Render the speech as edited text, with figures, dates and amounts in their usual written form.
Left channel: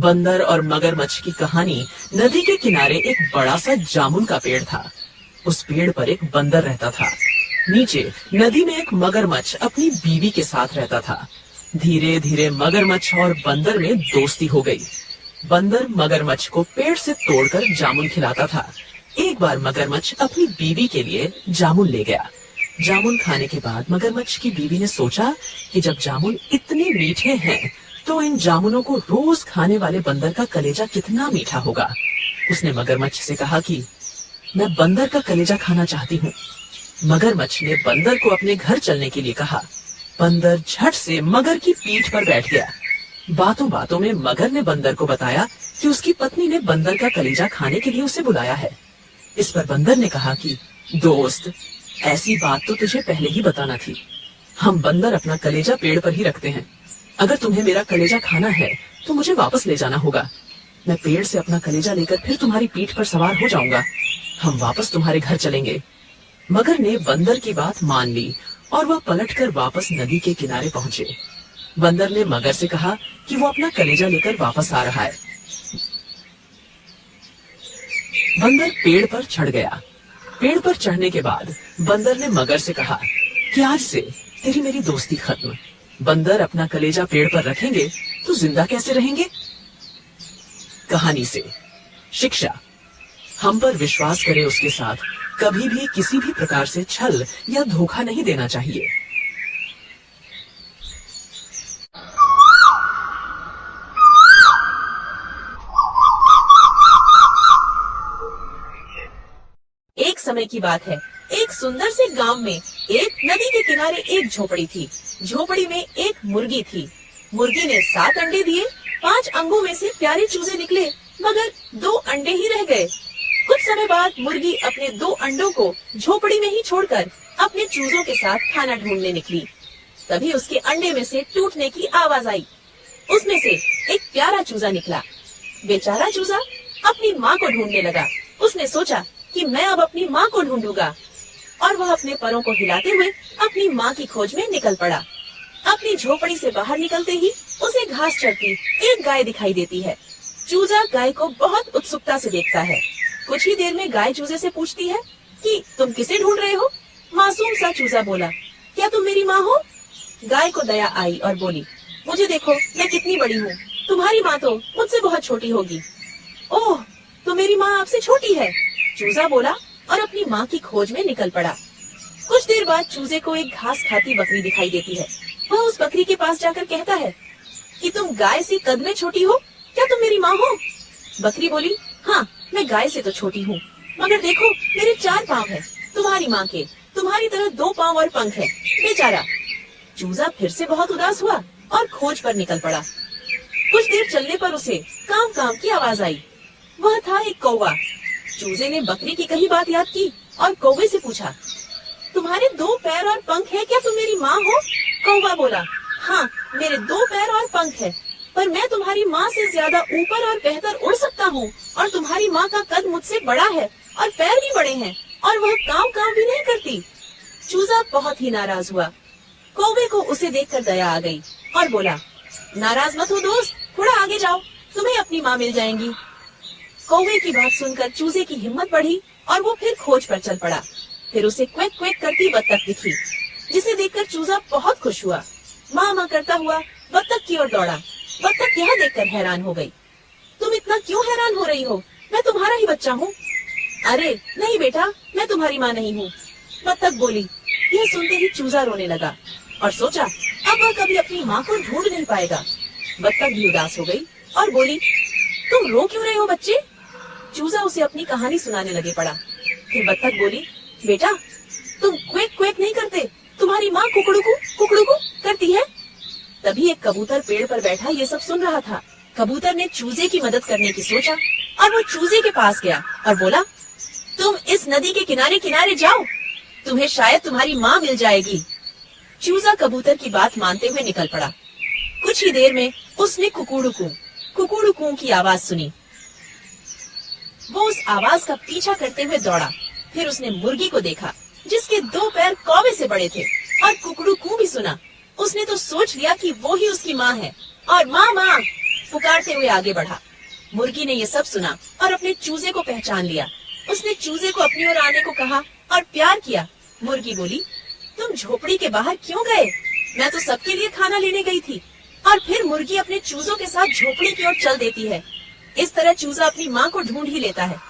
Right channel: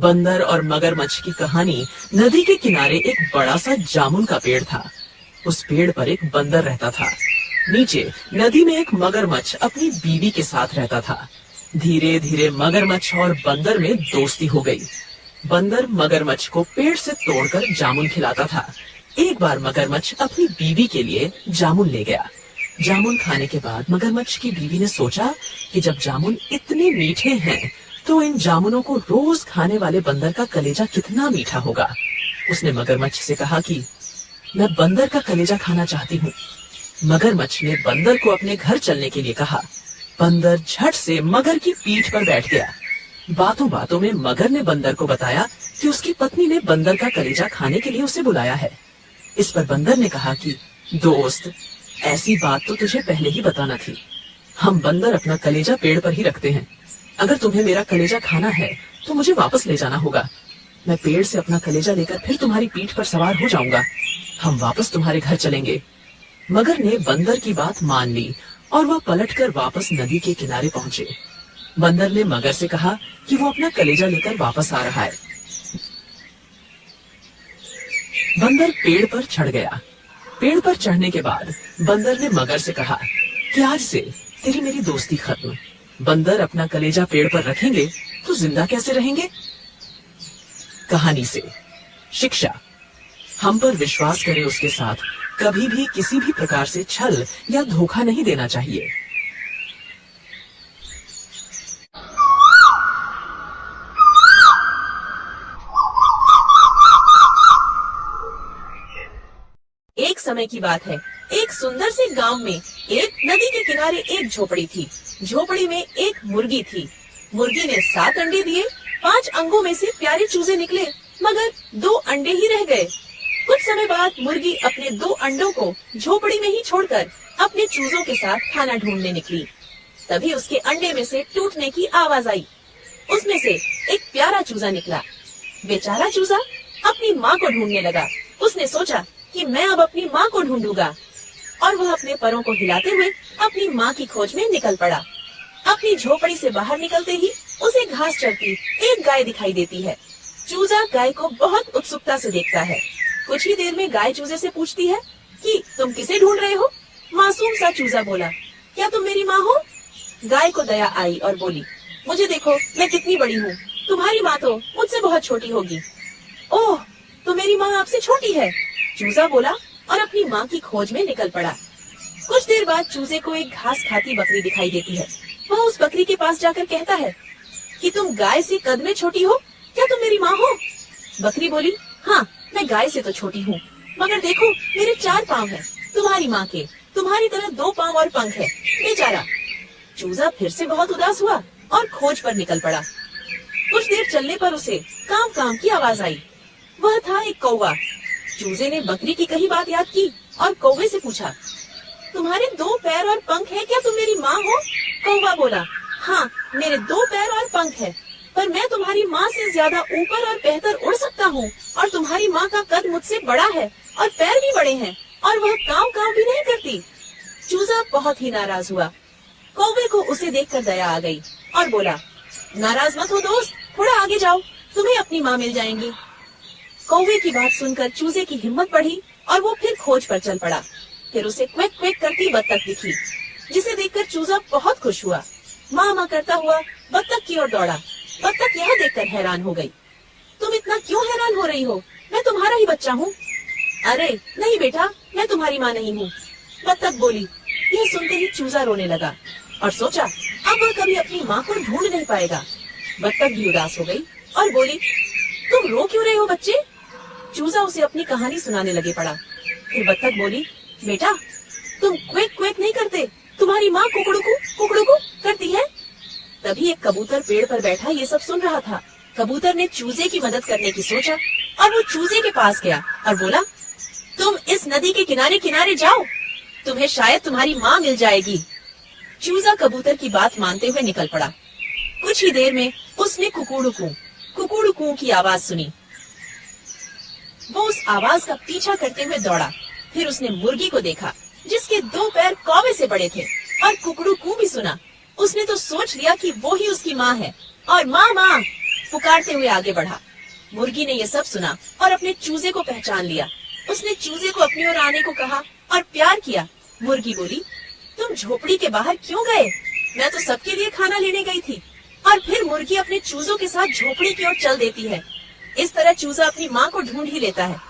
बंदर और मगरमच्छ की कहानी। नदी के किनारे एक बड़ा सा जामुन का पेड़ था। उस पेड़ पर एक बंदर रहता था। नीचे नदी में एक मगरमच्छ अपनी बीवी के साथ रहता था। धीरे धीरे मगरमच्छ और बंदर में दोस्ती हो गई। बंदर मगरमच्छ को पेड़ से तोड़कर जामुन खिलाता था। एक बार मगरमच्छ अपनी बीवी के लिए जामुन ले गया। जामुन खाने के बाद मगरमच्छ की बीवी ने सोचा कि जब जामुन इतने मीठे हैं तो इन जामुनों को रोज खाने वाले बंदर का कलेजा कितना मीठा होगा। उसने मगरमच्छ से कहा कि मैं बंदर का कलेजा खाना चाहती हूँ। मगरमच्छ ने बंदर को अपने घर चलने के लिए कहा। बंदर झट से मगर की पीठ पर बैठ गया। बातों बातों में मगर ने बंदर को बताया कि उसकी पत्नी ने बंदर का कलेजा खाने के लिए उसे बुलाया है। इस पर बंदर ने कहा कि दोस्त, ऐसी बात तो तुझे पहले ही बताना थी। हम बंदर अपना कलेजा पेड़ पर ही रखते हैं। अगर तुम्हें मेरा कलेजा खाना है तो मुझे वापस ले जाना होगा। मैं पेड़ से अपना कलेजा लेकर फिर तुम्हारी पीठ पर सवार हो जाऊंगा। हम वापस तुम्हारे घर चलेंगे। मगर ने बंदर की बात मान ली और वह पलटकर वापस नदी के किनारे पहुंचे। बंदर ने मगर से कहा कि वो अपना कलेजा लेकर वापस आ रहा है। बंदर पेड़ पर चढ़ गया। पेड़ पर चढ़ने के बाद बंदर ने मगर से कहा कि आज से तेरी मेरी दोस्ती खत्म। बंदर अपना कलेजा पेड़ पर रखेंगे तो जिंदा कैसे रहेंगे। कहानी से शिक्षा। हम पर विश्वास करे उसके साथ कभी भी किसी भी प्रकार से छल या धोखा नहीं देना चाहिए। एक समय की बात है। एक सुंदर से गांव में एक नदी के किनारे एक झोपड़ी थी। झोपड़ी में एक मुर्गी थी। मुर्गी ने 7 अंडे दिए। 5 अंगों में से प्यारे चूजे निकले, मगर 2 अंडे ही रह गए। कुछ समय बाद मुर्गी अपने 2 अंडों को झोपड़ी में ही छोड़कर अपने चूजों के साथ खाना ढूंढने निकली। तभी उसके अंडे में से टूटने की आवाज आई। उसमें से एक प्यारा चूजा निकला। बेचारा चूजा अपनी माँ को ढूंढने लगा। उसने सोचा कि मैं अब अपनी माँ को ढूंढूंगा, और वह अपने परों को हिलाते हुए अपनी माँ की खोज में निकल पड़ा। अपनी झोपड़ी से बाहर निकलते ही उसे घास चरती एक गाय दिखाई देती है। चूजा गाय को बहुत उत्सुकता से देखता है। कुछ ही देर में गाय चूजे से पूछती है कि तुम किसे ढूंढ रहे हो। मासूम सा चूजा बोला, क्या तुम मेरी माँ हो। गाय को दया आई और बोली, मुझे देखो, मैं कितनी बड़ी हूँ। तुम्हारी माँ तो मुझसे बहुत छोटी होगी। ओह, तो मेरी माँ आपसे छोटी है, चूजा बोला और अपनी माँ की खोज में निकल पड़ा। कुछ देर बाद चूजे को एक घास खाती बकरी दिखाई देती है। वह उस बकरी के पास जाकर कहता है कि तुम गाय से कद में छोटी हो, क्या तुम मेरी माँ हो। बकरी बोली, हाँ, मैं गाय से तो छोटी हूँ, मगर देखो मेरे 4 पाँव हैं, तुम्हारी माँ के तुम्हारी तरह 2 पाँव और पंख हैं। बेचारा। चूजा फिर से बहुत उदास हुआ और खोज पर निकल पड़ा। कुछ देर चलने पर उसे काम काम की आवाज आई। वह था एक कौवा। चूजे ने बकरी की कही बात याद की और कौवे से पूछा, तुम्हारे 2 पैर और पंख हैं, क्या तुम मेरी माँ हो। कौवा बोला, हाँ, मेरे 2 पैर और पंख हैं, पर मैं तुम्हारी माँ से ज्यादा ऊपर और बेहतर उड़ सकता हूँ, और तुम्हारी माँ का कद मुझसे बड़ा है और पैर भी बड़े हैं, और वह काम भी नहीं करती। चूजा बहुत ही नाराज हुआ। कौवे को उसे देखकर दया आ गई और बोला, नाराज मत हो दोस्त, थोड़ा आगे जाओ, तुम्हें अपनी माँ मिल जाएंगी। कौवे की बात सुनकर चूजे की हिम्मत बढ़ी और वो फिर खोज पर चल पड़ा। फिर उसे क्वेक क्वेक करती बत्तख दिखी, जिसे देखकर चूजा बहुत खुश हुआ। माँ माँ करता हुआ बत्तख की ओर दौड़ा। बत्तख यह देखकर हैरान हो गई। तुम इतना क्यों हैरान हो रही हो, मैं तुम्हारा ही बच्चा हूँ। अरे नहीं बेटा, मैं तुम्हारी माँ नहीं हूँ, बत्तख बोली। यह सुनते ही चूजा रोने लगा और सोचा अब वह कभी अपनी माँ को ढूंढ नहीं पाएगा। बत्तख भी उदास हो गई और बोली, तुम रो क्यों रहे हो बच्चे। चूजा उसे अपनी कहानी सुनाने लगे पड़ा। फिर बत्तख बोली, बेटा, तुम क्वेक क्वेक नहीं करते, तुम्हारी माँ कुकड़ुकू करती है। तभी एक कबूतर पेड़ पर बैठा ये सब सुन रहा था। कबूतर ने चूजे की मदद करने की सोचा और वो चूजे के पास गया और बोला, तुम इस नदी के किनारे किनारे जाओ, तुम्हें शायद तुम्हारी माँ मिल जाएगी। चूजा कबूतर की बात मानते हुए निकल पड़ा। कुछ ही देर में उसने कुकड़ुकू की आवाज सुनी। वो उस आवाज का पीछा करते हुए दौड़ा। फिर उसने मुर्गी को देखा, जिसके 2 पैर कौवे से बड़े थे, और कुकड़ुकू भी सुना। उसने तो सोच लिया कि वो ही उसकी माँ है, और माँ माँ पुकारते हुए आगे बढ़ा। मुर्गी ने ये सब सुना और अपने चूजे को पहचान लिया। उसने चूजे को अपनी ओर आने को कहा और प्यार किया। मुर्गी बोली, तुम झोपड़ी के बाहर क्यों गए? मैं तो सबके लिए खाना लेने गई थी। और फिर मुर्गी अपने चूजों के साथ झोपड़ी की ओर चल देती है। इस तरह चूजा अपनी माँ को ढूंढ ही लेता है।